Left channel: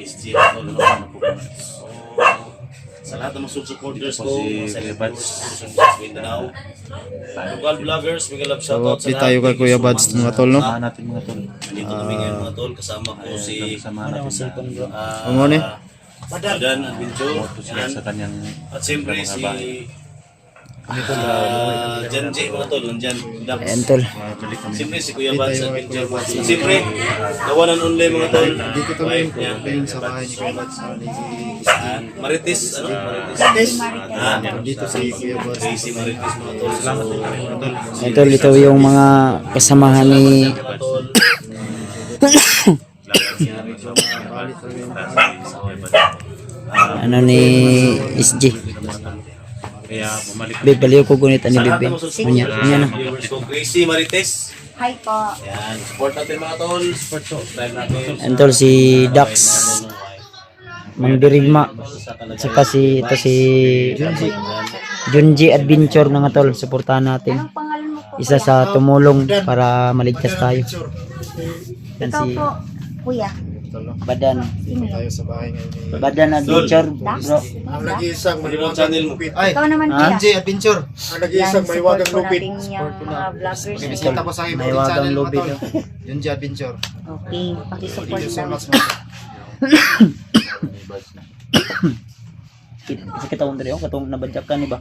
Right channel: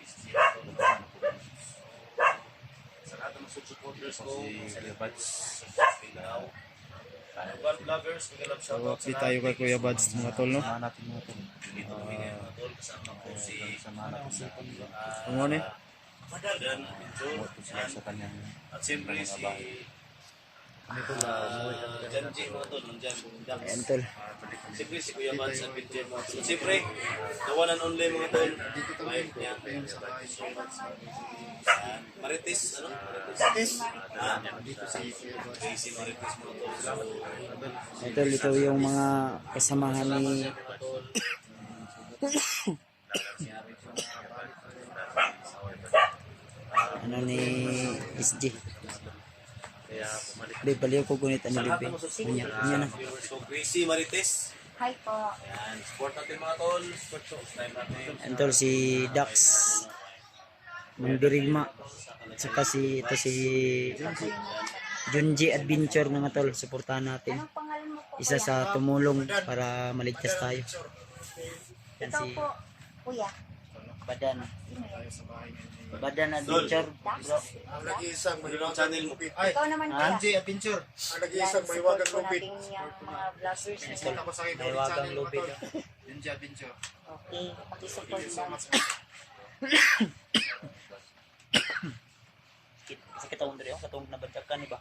SG tol, no? Sa lahat ng mga supporters ko, mga celebrities sa Mindanao, local vloggers, mga love So, shoutout sa update tayo kay Kuya Buds mga tol, no? natin mga tol. Nandito kami ngayon mga tol, kasama ko si Ano ni? Badan Adventure, yan. Sa kanyang At siyempre si Jan J mga tol, nandyan, Dax. Ayan tol. balik kami. Siyempre si Kuya Buds Adventure. Siyempre, the one and only mga tol, Dito to wife niya. sa bahay ni Kuya Buds. Marites, ano? Marites. Dito si Kuya Buds. Crazy Marites mga tol. Salamat mga tol. Ayan tol, ito yung mga kasamahan ni ano ni SG. Kaya bumalik Bib, baliw ko gunit ani Bib. Unya, unya na. Crazy Marites. Hi po. Ayan, support natin mga tol. Subscribe natin. Ayan tol, si Dax. Mang Dirigma. Saka si ito si Junji Adventure mga tol, suportahan natin. Anong pangalan mo po? Isa sa tumulong para maligtas tayo. Yan Ikaw si po, kuya. Badan. Sino yun? Tayo sa bahay ngayon ni Badan Adventure, Dax? bro. ang nag-iisang Ano yung channel mo? Ay, Ikaw naman kuya. Angie Adventure. Ang Yan, nag-iisang support maiwagang po lupit. natin yung mga vloggers. Bisita po sa akin May ulit wagang channel lubid, mga tol. Angie Adventure. Okay, pakisupport Thank you so lang. much mga tol. Kasi katong diri oh, katong nabadyakan ni ba?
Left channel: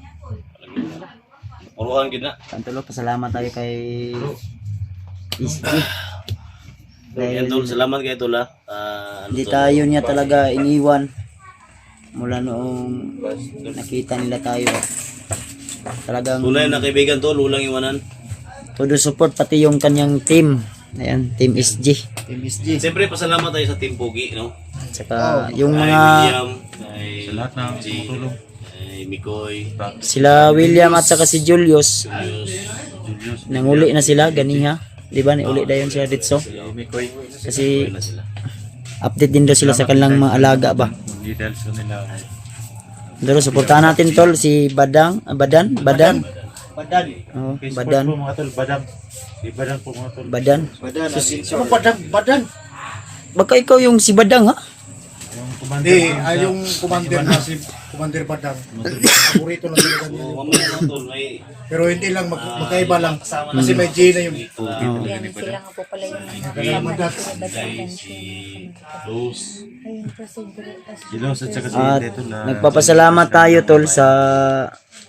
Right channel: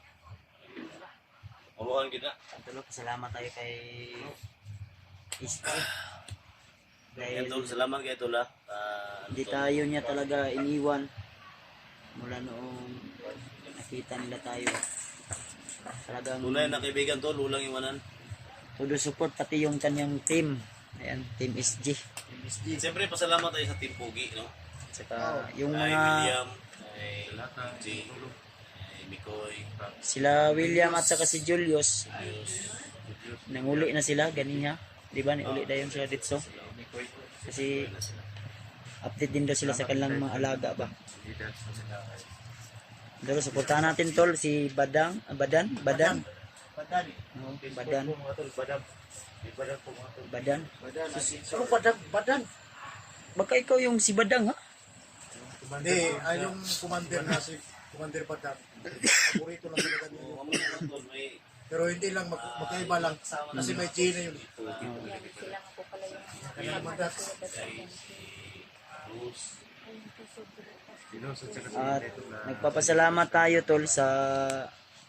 Uruhan gina. Tantulo, pasalamat tayo kay SG. Yan tol, salamat kay tol ha. Hindi tayo niya talaga iniwan mula noong nakita nila tayo. Talagang Tunay na kaibigan tol, ulang iwanan. todo support pati yung kanyang team. Ayan, team SG. Team SG. Siyempre pasalamat tayo sa Team Pogi, no? Saka yung Kay mga William, kay sa lahat ng G, tumutulong. kay Mikoy, sila William at saka si Julius Julius, nanguli na sila ganiha. Di ba? Uli dayon sila dito. Mikoy, Kasi na sila. update din daw sila sa kanilang mga alaga ba. Hindi dahil sa nila. Pero suportahan natin tol si Badan. Badan. Oh, Okay, support Badan. po mga tol. Badam. Di Badam po mga tol. Badan. Badan Adventure. Badam? Baka ikaw yung si Badang ha? Yung commander. Hindi, yung commander na si Commander Badang. Paborito lang talaga niya. Oo, mamaya mga tol, may Pero hindi lang, magkaiba lang. Kasi may G na yun. Yan, sila nga po pala yung mga kasama ni Kuya Badan. si Luz. Ayun po si Bro. Gilos at saka si At Dito na. nagpapasalamat tayo tol sa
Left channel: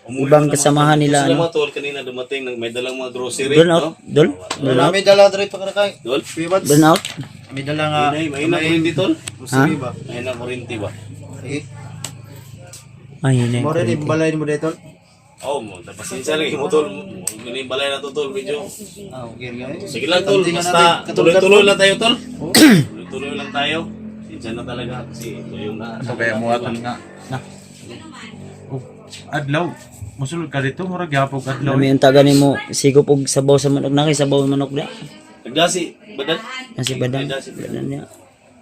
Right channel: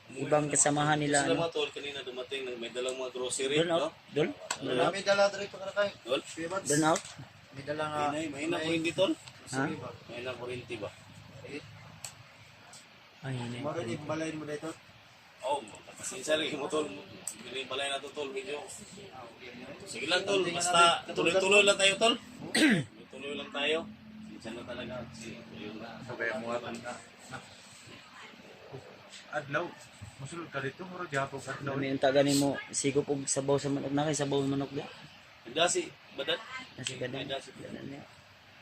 ibang kasamahan nila Sila ano. mga tol, kanina dumating, may dalang mga grocery, Doon no? out, dol. Doon out. May dala dito ka na kay. Tol? Kuya Buds. Doon out. May dala nga. May na kurinti tol? Ha? ba? May na kurinti ba? Ay, yun Mo rin eh. balay mo dito. Oo, pasensya lagi mo tol. Hindi balay na to tol, video. Ah, okay nga. Sige lang tol, basta tuloy-tuloy lang tayo tol. Tuloy-tuloy lang tayo. Pasensya na talaga kasi ito yung na. So kaya mo aton nga. Oh, adlaw. Musulod ka dito. Murag yapog adlaw. Kami yung taga mo sigop og sabaw sa manok na kay sabaw sa manok na. Nagdasi, badan? Kasi Badang. Badang niya.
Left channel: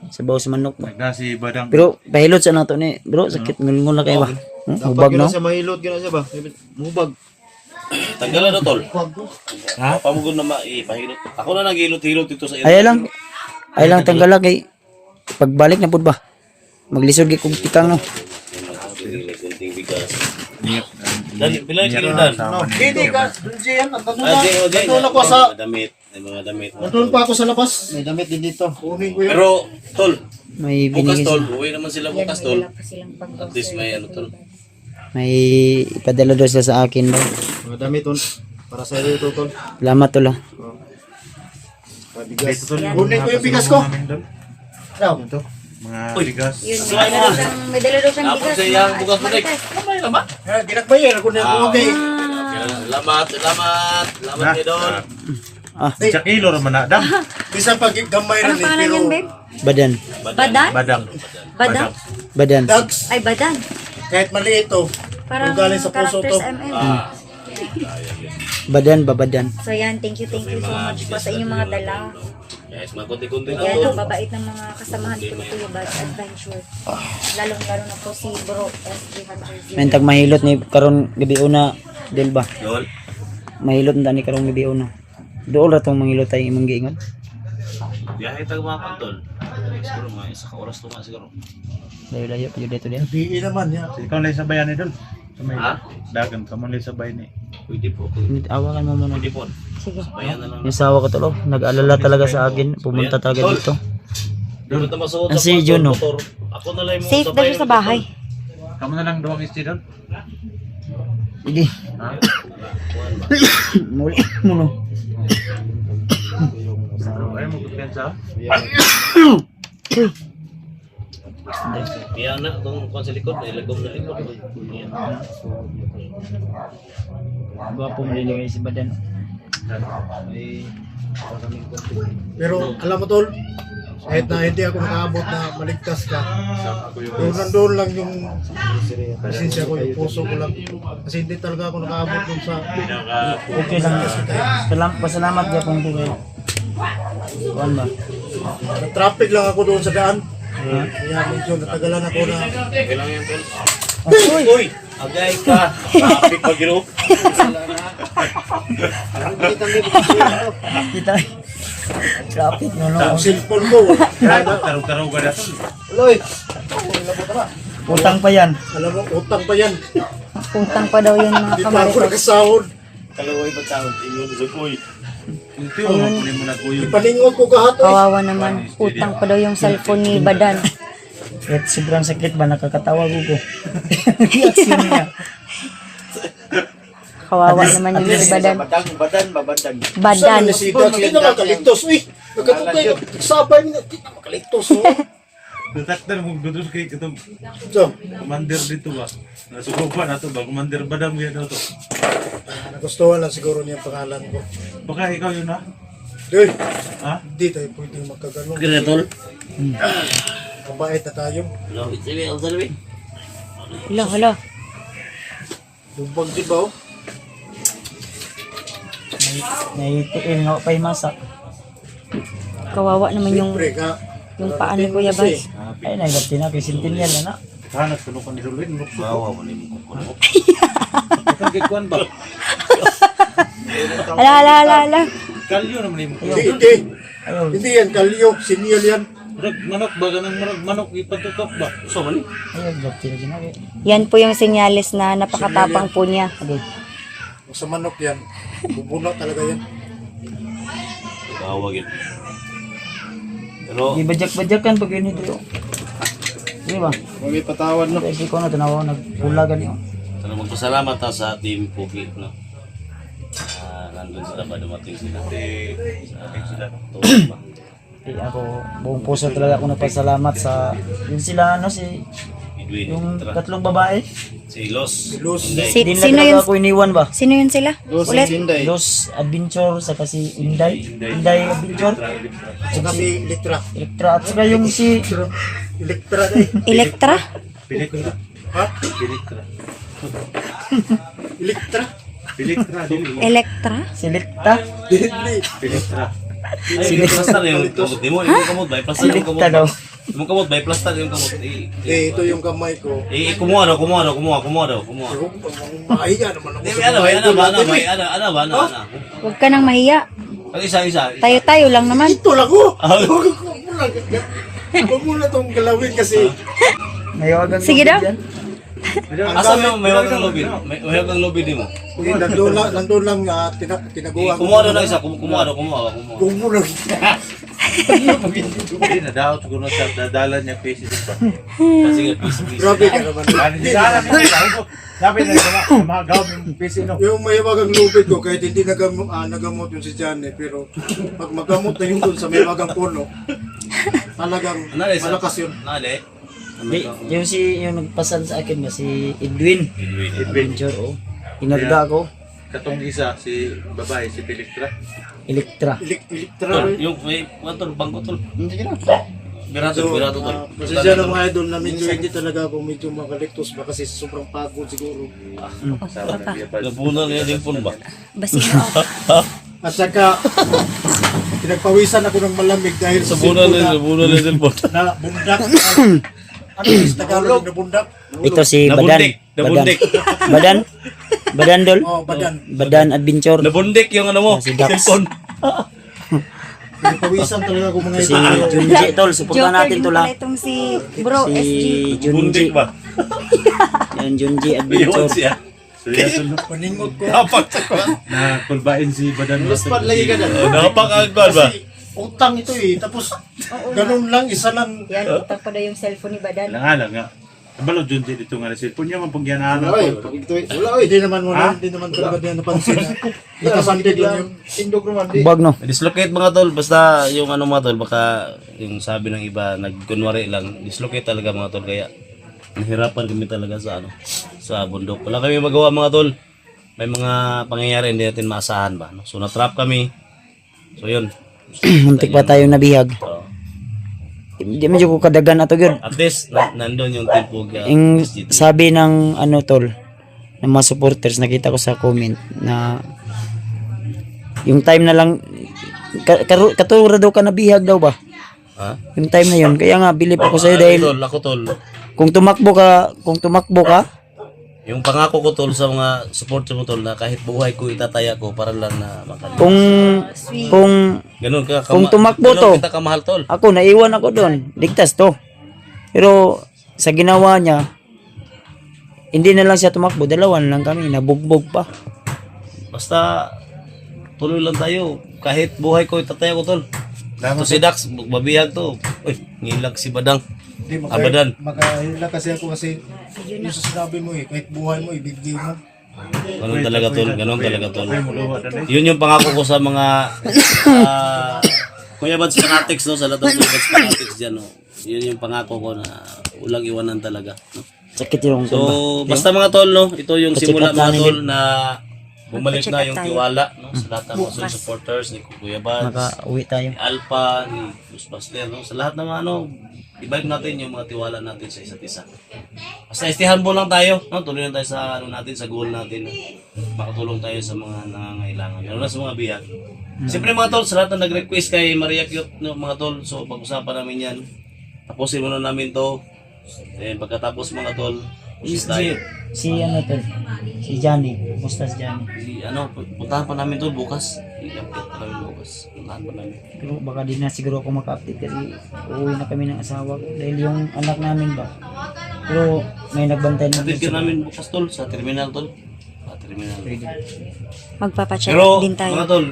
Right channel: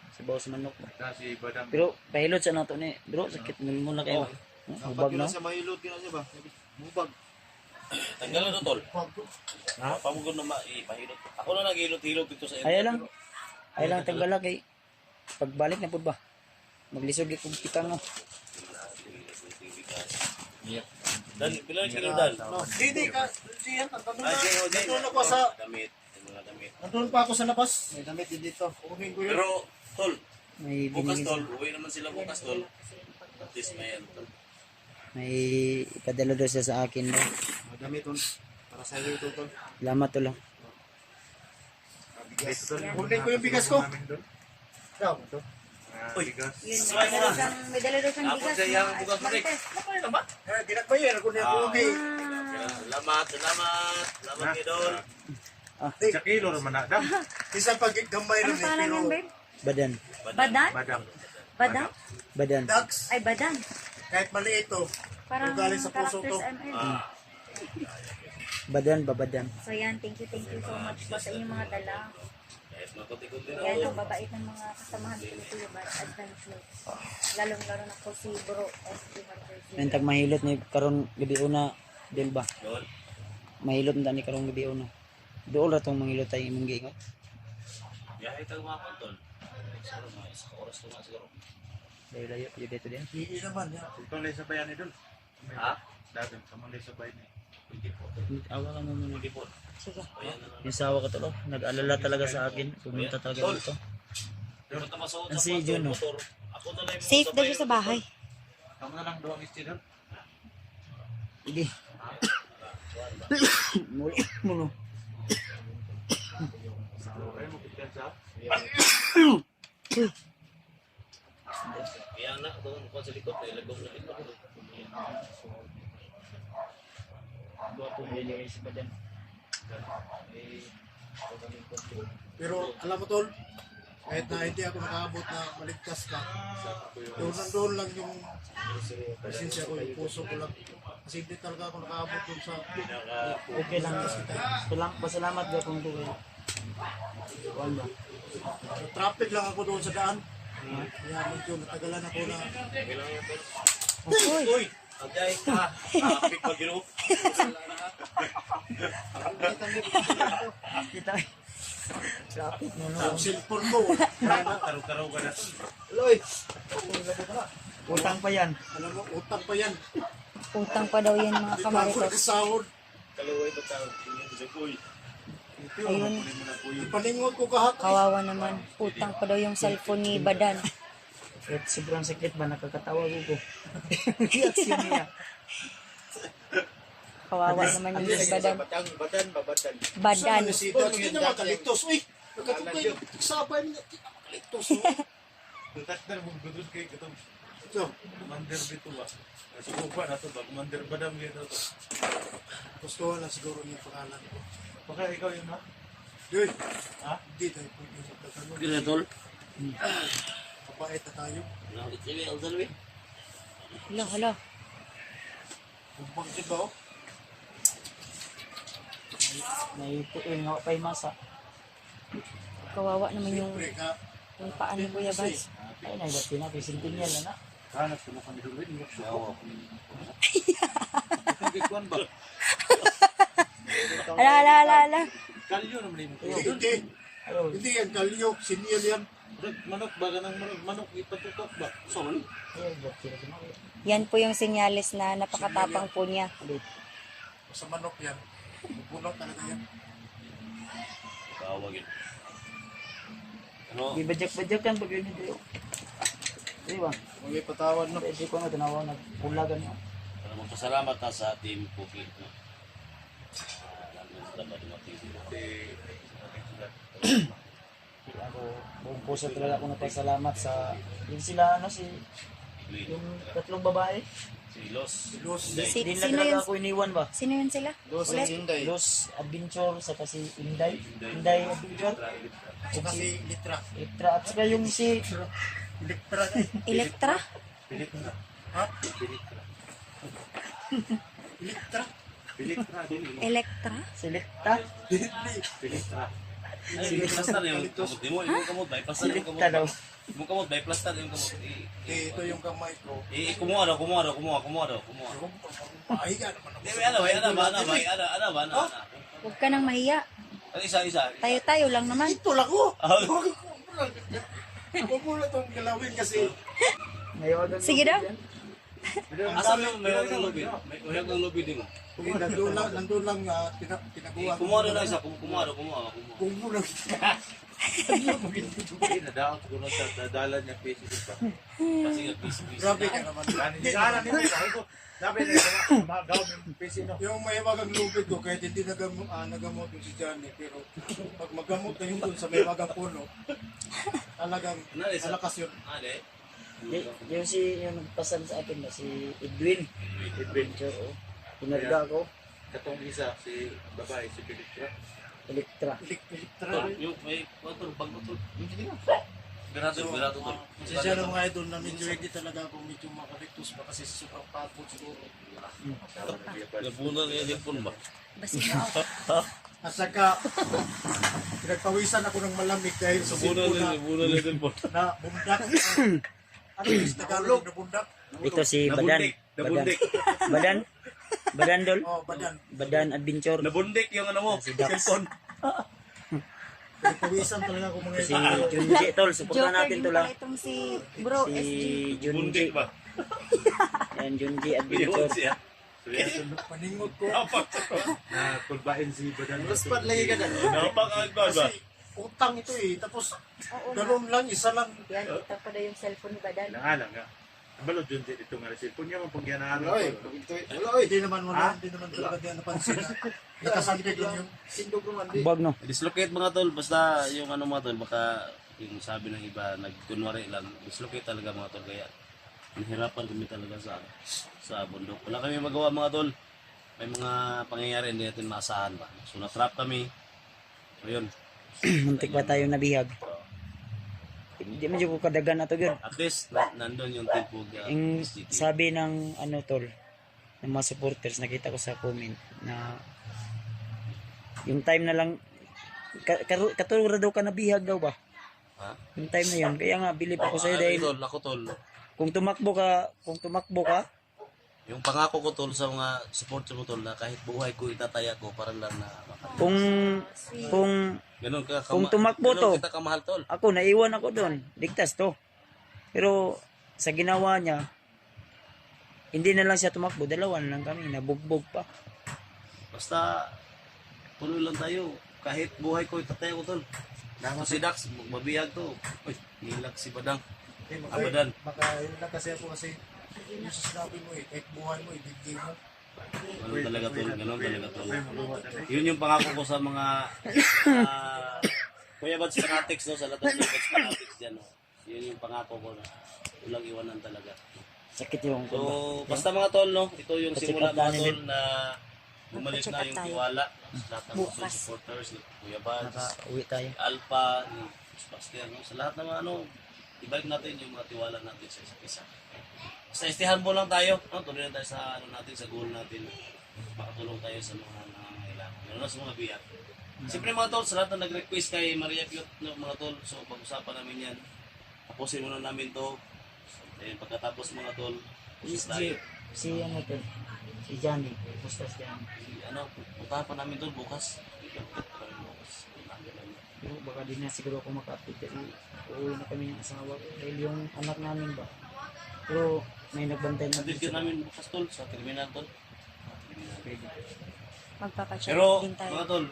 Sabaw sa manok ba. Nagda si Badang. Pero pahilot sa nato ni bro, sakit ngulngul na kayo ba? Hubag no? Sa mahilot gina siya ba? Mubag. Tanggalan na tol. Ha? Pamugod na maipahilot. Ako na naghilot-hilot dito sa Ay lang. Ay lang tanggala kay pagbalik na pud ba. Maglisod gyud kog tikang no. Kunting bigas. Niyap. Dali, bilay kilo dan. Hindi ka, G yan. Nandun ako sa, damit. May mga damit. nandun pa ako sa labas. May damit din dito. Kunin ko yun. Pero, tol, May bukas binigay tol, sila. uwi naman sila Yan, bukas may tol. dala pa silang At least may ano tol. May ipadala daw sila sa akin daw. Mga damit ton. Para sa iyo ito tol. Salamat tol ah. Bigas. Kunin ko yung bigas ko. Daw. Ito. Mga bigas. Yun, may dala daw siyang Tapos bigas. sa iyang bukas mo kamay na ba? Ginagbayan. Kunin ko okay. Salamat, salamat. Salamat kayo doon. Sa kilo raman na. Dam. Isang pag gamay Ano rin eh. pangalan Pero yan, babe? Badan. Badan? Badang. Badan? Badan. Dags, Ay, Badan. kahit maliit to. Parang Kung galing sa puso to. characters MM. Badan ba badan? So yan, thank you so much po sa inyong mga dala. Guys, mga konti-konti na Yan, tol. ang babait ng mga kasamahan ko ni Kuya Bad Adventure. Lalong-lalo na po si Bro SG Hunter Z. May tag mahilot ni karon gabi una del ba? Yol. Mahilot na ni karon gabi una. Dool ra tong mahilot ay imong giingon. Biyahe tayo mga kantol. Siguro mga isa ka oras to nga siguro. Layo-layo pa yun dito din. Di naman ya. Ikaw na sabayan ni Dol. Sa may Ha? dagan, kamu na sabay ni. Pwede po. Awakan mo muna. Pwede po. Sige. Bayan na lang. Yung sawa ko tolo, nag-alala talaga sa akin. Pumunta talaga dito. Dito na masuot Ang si Juno. Ako na lang yung Safe daw siya sa bahay. Kamu na lang duwang isti Dol. Sige. Ha? Muli mo no. Ay mo kumpiyansa. Biyan na itong kung sa likod. Ilagom na likod. Biyan. Gwapo malilingay si Badan. Pero alam mo tol, kahit na hindi ako nakaabot na maligtas ka, pero nandoon lang yung presensya ko, yung puso ko lang. Kasi hindi talaga ako nakaabot dun sa Okay lang. Pasalamat ka kung kaya. Kuan ba? traffic lang ako doon sa daan. Kaya medyo natagalan ako na Okay lang yun, tol. Uy! Agay ka! Traffic pa gino. Kita. Traffic no no. ang cellphone ko. Karo-karo ka na Dol. Loy, Utang pa yan. alam mo, utang pa yan. Utang pa daw yun mga Hindi pa ako kamarites. nakasahod. Kalaway pa tawag. Tingnan sa kuy. Ito yung mo na kuyo. Ipaningon ko kahat. Kawawa naman. Utang pa daw yung cellphone ni Badan. Kahit sobrang sakit ba nakakatawa ko. Reaction niya. Kawawa naman yung si Badan. Badan. Saan si Dax? Hindi na makaligtos. Uy, nagkatutay ko. Sabay niya. Hindi na makaligtos. Oh. Tutaktan mo dudus kay katong So, commander dito ba. Nasukupan na to ba? Commander Badam yan to. nagustuhan lang siguro niya ang pangalan ko. Baka ikaw yun ha? Doy, Ha? hindi tayo pwedeng magkaganon. Kira, tol. Mabait na tayo. No, it's a real, tol. Hala, hala. Bumbag di ba? Oh? Naitiil nga pa masa. Kawawa naman yung Siyempre ka. paa ni Kuya Bas. Ay nailap din ako sintinyan na na. Hanap ko nung kanisulit. Bawa mo ni mo. Itong kikuan ba? Hala, hala, hala, hala. Kalyo naman yung Hindi. Ayaw. Hindi yan. Kalyo. Sinyal yan. manok ba? Ganang manok ipatutok ba? So, mali. Ayaw, dapat sila ginawa. Yan po yung senyales na napakatapang po niya. Sa manok yan. Bubuna talaga yan. Tawag yun. Pero, Di bajak-bajakan pag yun ito. Di ba? May patawad no. Kasi ko na tanawa nagpulagan yun. sana magpasalamat ta sa team Pugi, no? Nandun sila ba dumating sila? Tulog ba? Eh, ako, buong puso talaga ako nagpasalamat sa yun sila ano si Edwin, yung tara. tatlong babae. Si Los. Los. Inday. Si- Hindi na sino talaga yun? ako iniwan ba? Sino yun sila? Ulit? Sinday. Los Adventure sa kasi Inday Adventure. Saka si Elektra. Elektra at saka yung si Elektra eh. Elektra? Piliktra. Ha? Piliktra. Elektra? Piliktra. Dili. Elektra? Selecta. Hindi. Piliktra. Ay, plaster yung kamot. Di mo kamot ba? Plaster yung kamot. Selecta daw. Di mo kamot ba? Plaster yung kamot. Ito yung kamay ko. Kumuha daw. Kumuha. Mahiya naman ako. Ano ba? Huwag ka nang mahiya. Ang isa. Tayo-tayo lang naman. Ito lang ko. Huwag mo na itong galawin kasi Nayawagan Sige daw. Asa mo may wagang lobby? May wagang lobby di mo. nandun lang tinaguan. Kumuha daw na isa. Kumuha. Kung mo lang. Hindi na daw siguro sa dadalan niya pieces pa. Sige, please. Grabe ka naman. Ano di dala niya? Sabi na mga gawin yung pieces no. Yung may wagang lubid ko kahit hindi nagamot yung si Johnny pero pag magamot na yung dun sa may wagang puno talagang malakas yun. Nale. Di, yung si yung nagpasan sa akin nga si Edwin Adventure oh. Inarga ako Katong isa si babae si Piliktra. Elektra. Elektra. Yung may tol, bangko tol. Sige na. Birato tol. Pasensya na mga idol na medyo hindi talaga ako medyo makaliktos ba kasi sobrang pagod siguro. Sama na niya pa. Napunan niya yung phone ba? Basi mo. At saka pinagpawisan ako ng malamig dahil sa Napunan cellphone niya yung phone. na bundak. Ano yung Tagalog na bundak? Ito si Badan. Nabundik. Badan dol. Oh, badan. Badan Adventure. Nabundik yung ano mo. Si Dax. Cellphone. Pawisan talaga ako mga Si idol. Junji tol, suportahan Joker natin din tol pala ha. itong si Bro SG. Si Junji. Bundik ba? Yan Junji Yun Adventure. siya. Seryoso no? Paningot ko. Dapat sa ko. Na kulbain si Badan. Luspat lagi ka na. Napakagwan ba? Kasi utang ito eh. Tapos ganun lang, isa lang. Yan, utang pa daw yung cellphone ni Badan. Lang nga. Abalo Junji dito nga na cellphone niya man pagyanaan Oy, ko. ito wala oy. Hindi naman talaga din napansin na nakasandig lang yung Indog naman di. Bag no. Dislocate mga tol, basta yung ano mga tol, baka yung sabi ng iba, nagkunwari lang, dislocate talaga mga tol, kaya nahirapan kami talaga sa ano, sa bundok. Wala kami magawa mga tol, may mga pangyayari hindi natin maasahan ba, no? So na-trap kami, so yun. Muntik pa tayong nabihag. So, Hindi medyo ko kadagan ato gyud. at least, nandun yung tipog Yung sabi ng ano tol, ng mga supporters, nakita ko sa comment na yung time na lang katura daw ka nabihag daw ba? Ha? Yung time na yun. Kaya nga bilip ako sa'yo dahil Tol, ako tol, kung tumakbo ka, yung pangako ko tol sa mga supporter mo tol, na kahit buhay ko itataya ko para lang na makalimutan. kung Ganun ka, Kung tumakbo ganun to. kita kamahal tol. ako naiwan ako doon, ligtas to. Pero sa ginawa niya, hindi na lang siya tumakbo, dalawan lang kami, nabugbog pa. Basta tuloy lang tayo. Kahit buhay ko itataya ko tol. To si Dax, babihag to. Uy, ngilag si Badang. Hindi, Abadan. makahila kasi ako kasi yung sa sinabi mo eh, kahit buhay mo, ibigay mo. Ganun talaga tol, ganun talaga tol. Yun yung pangako ko sa mga Kuya Bads Fanatics no, sa lahat ng Kuya Bads Fanatics dyan no. Yun yung pangako ko na walang iwanan talaga. No? Sakit yung So, basta mga tol no, ito yung simula Pacheck up mga namin tol na bumalik na yung tayo. tiwala no, sa lahat ng mga supporters ni Kuya Bads. makauwi tayo. Ni Alpha, ni Ghostbuster, no? Sa lahat ng ano, ibalik natin yung mga tiwala natin sa isa't isa. Basta stay humble lang tayo, no? Tuloy lang tayo sa ano natin, sa goal natin. No? Makatulong tayo sa mga nangangailangan, lalo na sa mga bihag. Siyempre mga tol, sa lahat na nag-request kay Maria Cute, no, mga tol, so pag-usapan namin yan. Tapusin muna namin to. Then pagkatapos mga tol, pusis tayo. Si ano tol, si Johnny, kumusta si Johnny? Ano, puntahan pa namin tol bukas. I-update pa namin bukas. Puntahan pa namin. Pero baka di na siguro ako maka-update kasi uuwi na kami ng asawa ko dahil yung anak namin ba. Pero may nagbantay na Update ka namin bukas tol, sa terminal tol. Sa terminal. Magpapacheck Pero din tayo. mga tol,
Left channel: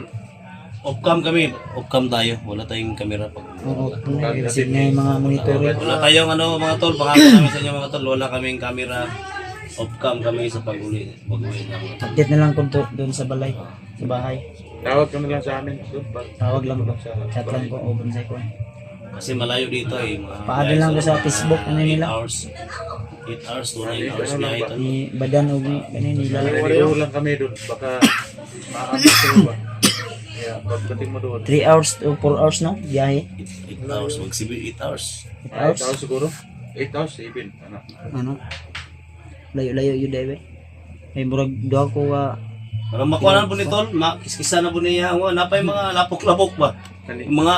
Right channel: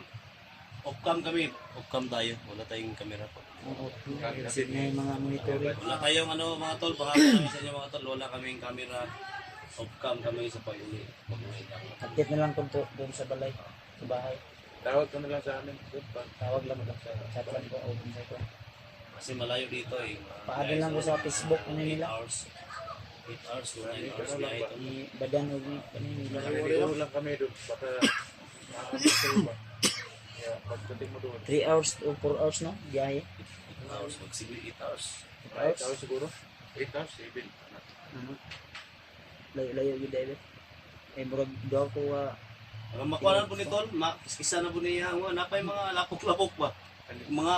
off-cam kami, off-cam tayo. Wala tayong camera pag Oo, nag-receive na yung mga monitor. wala tayong ano mga tol, pangako namin sa inyo mga tol, wala kaming camera. Off-cam kami sa pag-uli. Pag-uwi na mga tol. Update na lang kung doon sa balay, sa bahay. Tawag ka na lang sa amin. Tawag lang ko. Chat lang ko, open sa ko. Kasi malayo dito eh. Mga Paano lang ko sa Facebook, ano 8 nila. hours. 8 hours to 9 hours biyahe tol. Ni Badan o ni kanina nila. Narinig lang kami doon. Baka makakamiss ka ba? Kaya pagdating mo doon. 3 hours to 4 hours no, biyahe. 8 hours, mag-civil 8 hours. 8 hours. 8 hours siguro. 8 hours, 7. Ano? Layo-layo yun David. May murag doa ko ka. Para makuha na po ni tol, makiskisa na po niya. Napay mga lapok-lapok ba? Yung mga,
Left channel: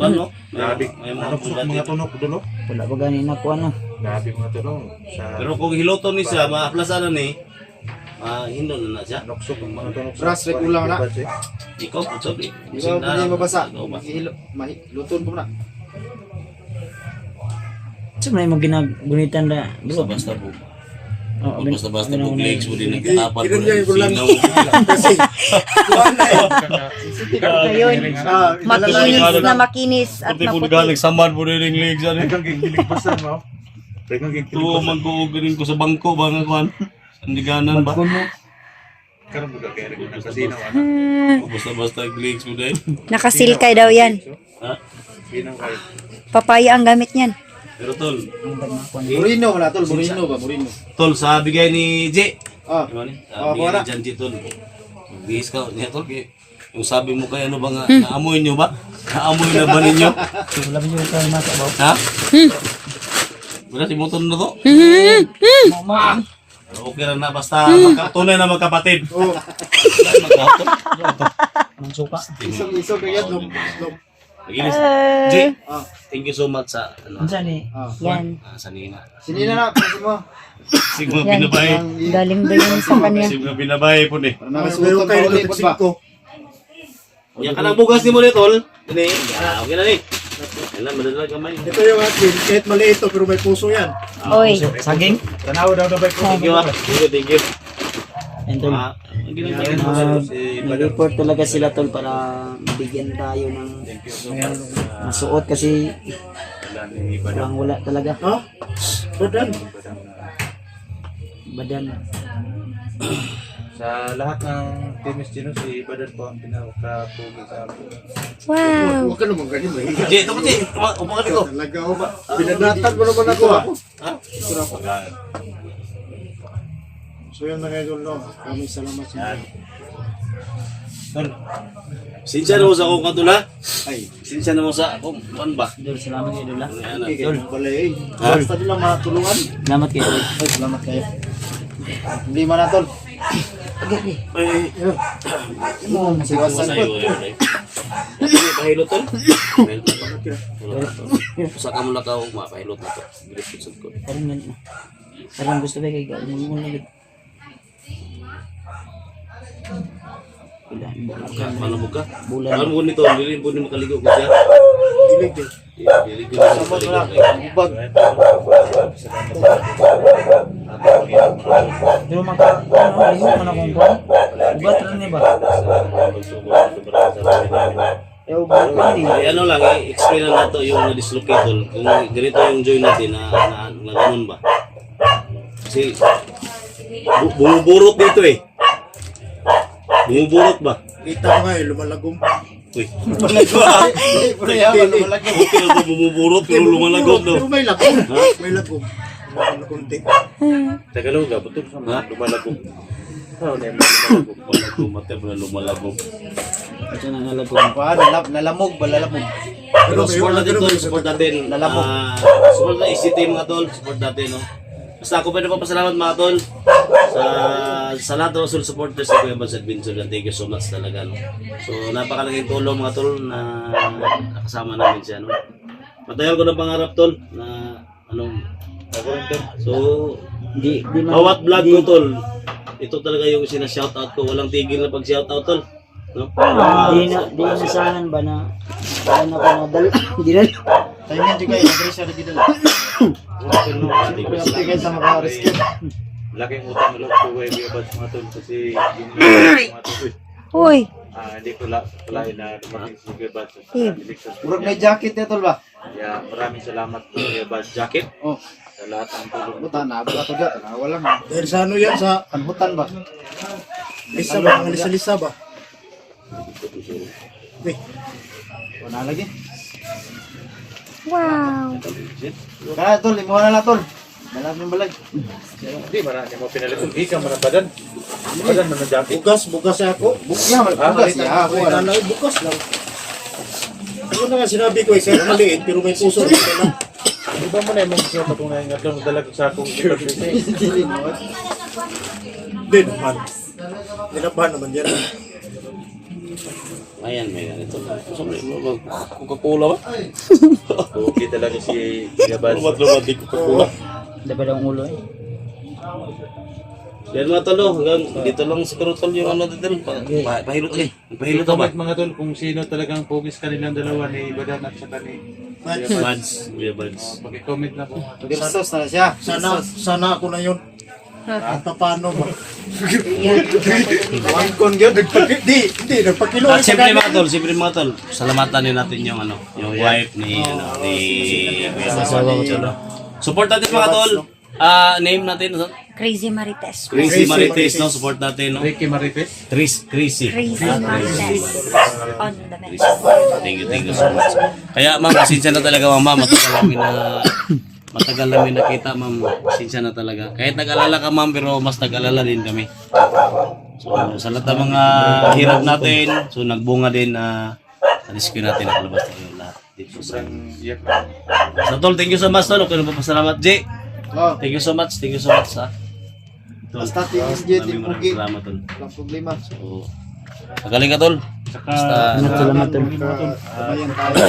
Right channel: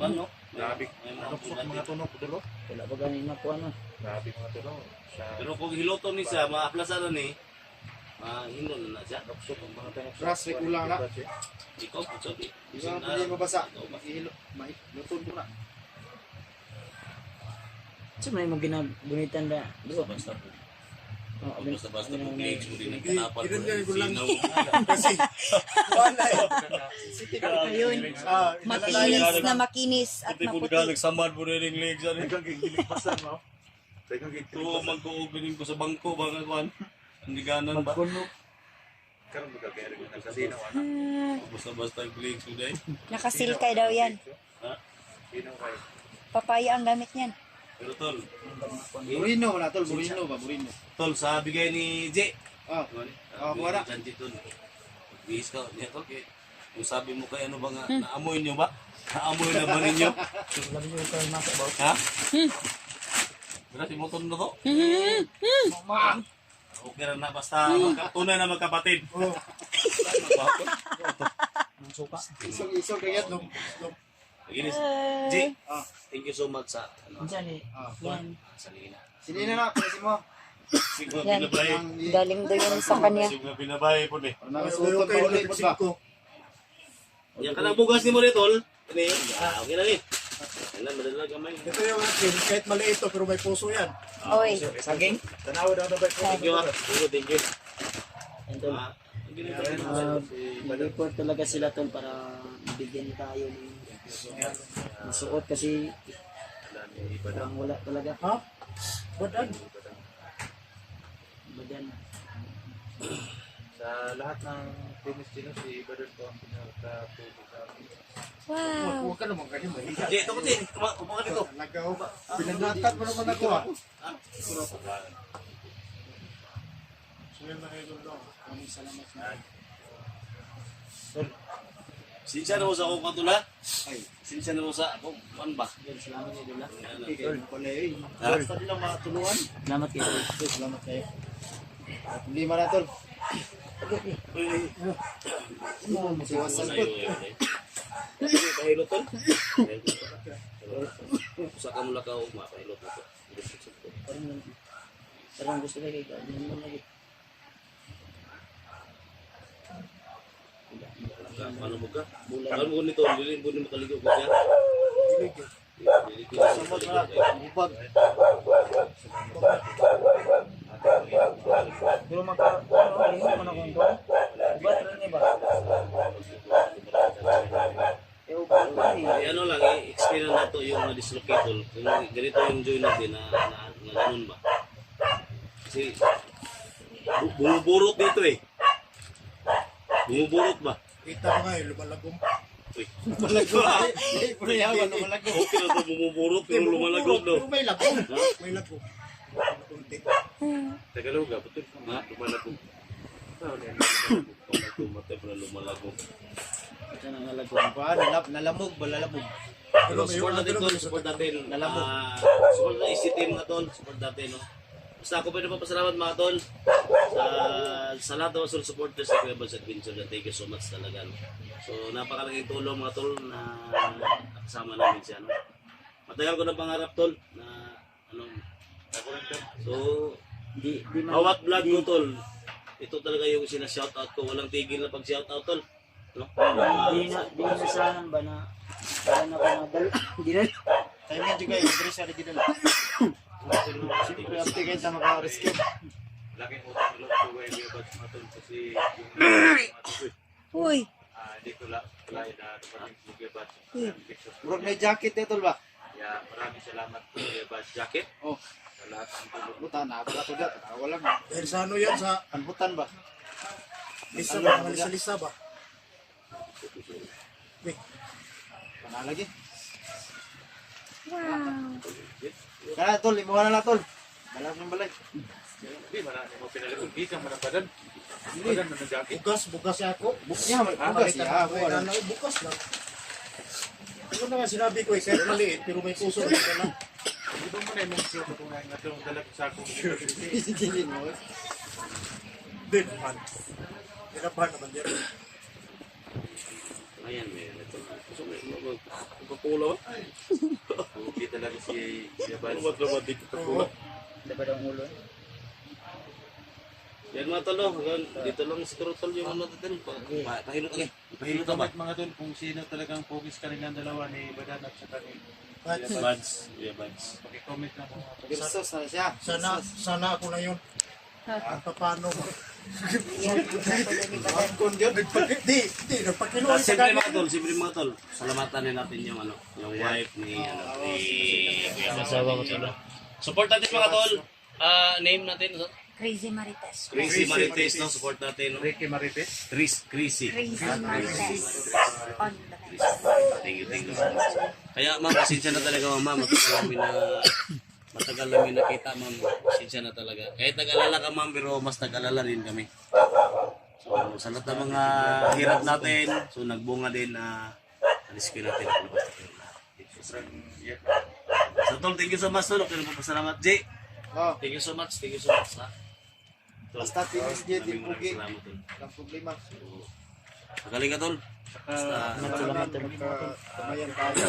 ano? Grabe. May mga Ano bulat mga dito. tunok doon? Wala ba gani na ko ano? Grabe mga tunok. Sa Pero kung hiluton ni siya, maaplasanan ni, hinon na siya. noksok ang mga tunok. Brass, rek ulang na. Ikaw, putsob eh. Di ba hindi mabasa? Ikaw ba? Luton mo na. So may mo ginagunitan na. Basta-basta po. Oh, Basta-basta po, legs mo din nagtatapal po Kinun niya ng yung ulan. sinaw. Kasi, wala eh. Ayun, Ah, makinis na makinis at maputi. nagsamad po rin yung legs. Kang giligbasan mo. Kang Tuwa man ko, galing ko sa bangko ba nga kwan? Sandiganan ba? Karon mo kaya rin ng kasino ana. Basta-basta yung legs mo din. Nakasilkay daw yan. Ha? Sino kayo? Papaya ang gamit niyan. Pero tol, Murino wala tol, Murino ba? Murino. tol, sa bigay ni J. Ah. Diba ni? Ah, Sa bigay wala. ni Jan J, tol. Bihis ka, niya tol. Yung sabi mo kay ano ba nga, naamoy nyo ba? Naamoy na ba ninyo? Wala ba yung kayo nasa ba? Ha? Wala si Moton na to? Mama. Okay lang na, basta tunay na magkapatid. Oh, Magkapatid. Ang suka. Isog kaya dum. Naginis. J, thank you so much sa ano, Unsa ni? Yan. sa Nina. Sinina na, kasi mo. Sigma Yan. binabay. Galing daw yun sa kanya. Sigma binabay po ni. Para meron nakasuot kayo pa ulit nagtagsig ba? ko. Yan ka ng bugas ni mo nito, tol. Ini, okay na ni. Kailan madala gamay. Ito yung atin, kahit maliit to, pero may puso yan. Oy. Saging? Tanaw daw na ba ko? Thank you, ah. Thank you. Yan tol. Ang ginagawa si Nag-report talaga sila tol para mabigyan tayo ng masuot kasi wala talaga. Ha? Badan. Badan. Sa lahat ng Team Estino, si Badan po ang pinaka-pugi sa akin. Wow. Huwag ka naman ganyan ba? Jay, ito ko, Jay. Upo ka dito. Talaga ako ba? Binanatan mo naman ako ha? Ha? So yan na ngayon, no? Maraming salamat sa inyo. Tol, Sinsya na mo sa akong katula. Ay, sinsya na mo sa akong, ano ba? Dol, salamat kayo Dol. Ayan na. Tol, balay. Ha? Basta nila matulungan. Salamat kayo Dol. Ay, salamat kayo. Hindi man na, tol. Ay, Siwasan sa'yo, ko. Pahilot, tol. Pahilot na to. Usa ka mula ka, pahilot na to. Gilisod ko. Parang yan. Parang gusto kayo kayo. Muna lagi. Paano mo ka? Bulan. Paano mo nito? Hindi po ni makaligo ko siya. Dilig din. Dili ko na makaligo. Bubag. Pero maka, ano, lihok man akong kuhan. Ugat rin niya ba? Eh, ugat ko ni. Ay, ano lang, i-explain na nato yung na-dislocate tol. Kung ganito yung joint natin na ganun ba. Kasi bumuburot dito eh. Bumuburot ba? Kita ko nga eh, lumalagom. Uy. Pre, ha, malaki. Okay lang ba bumuburot pero lumalagod Pero no. may lagom. May lagom. May kunti. Tagalog ka, ba't sa mga lumalagong? Ano na yung lumalagong? Lumalagod, mati pa na lumalagod. Ito na nalag ko. Nalamog ba? Lalamog. Pero support natin tol, support natin. Lalamog. Support natin, ICT mga tol, support natin no. Basta ako pwede pa pasalamat mga tol sa lahat ng Rasul supporters sa Kuya Bans Adventure and thank you so much talaga no. So napakalaking tulong mga tol na nakasama namin siya no. Matagal ko ng pangarap tol na anong so Di man. bawat vlog ko tol ito talaga yung sina-shoutout ko, walang tigil na pag-shoutout tol no. Di nasahan ba na saan ako nadal? Di na. Tingnan juga yung adresa na gidala. Siyempre, ang tingin sa mga rescue. Laking utang na loob ko kay Kuya Bans mga tol kasi yung mga tol, Uy. hindi ko palain na dumating si Kuya Bans. Niligtas ko Puro niya. may jacket ya, tol ba? Kaya maraming salamat po Kuya Bans Jacket Oh, sa lahat ng tulong. buta na. Buta to dyan. Tanawa lang. Dahil sa ano yan, sa Kanbutan ba? lisa ba? Ang lisa-lisa ba? Eh, Wala lagi. Wow. Kaya, tol. Imuha na tol. Dalam yung balay. Hindi, marami mo pinalitan. Ikaw mo ng Badan. Badan mo ng Jacket. bukas ako. Bukya, magbukas niya. Ako, Wala wala. na, bukas lang. Ano na nga sinabi ko eh, kahit maliit, pero may puso. Di ba mo na yung mga gusto kung nga dalag sa akong Hindi mo. Hindi naman. Ginabahan naman yan. Ayan, may ganito. Coca-Cola ba? Okay talaga si Kuya Bans. Lumat-lumat di Coca-Cola. Dapat ang ulo eh. Yan mga tol, hanggang dito lang siguro tol yung ano dito. Pahilot eh. Pahilot ba? Comment mga tol kung sino talagang pugis kanilang dalawa ni Badan at saka ni Kuya Bans. Buds. Kuya Buds. Pag-comment na po. Versus na siya. Sana ako na yun. At paano ba? One con yun. Hindi, nagpakilo. At siyempre mga tol, salamatan din natin yung ano, yung wife ni Kuya Buds. Support natin mga tol. Name natin, Crazy Marites. Crazy Marites, no? Support natin, no? Ricky Marites. Crazy. Crazy Marites. On the next. Thank you so much. Kaya ma'am, pasensya na talaga ma'am, matagal namin nakita ma'am, pasensya na talaga. Kahit nag-alala ka ma'am, pero mas nag-alala din kami. So sa lahat ng mga hirap natin, so nagbunga din na rescue natin, nakalabas tayo lahat. Dito sa Iyak na. So tol, thank you so much tol, okay na po pasalamat Jay. Oh, Thank you so much ha. Tol, basta tingin dyan, di maraming pugi. salamat tol. Walang problema. So, magaling ka tol. Saka Basta, Salamat tol. Kamayan tayo.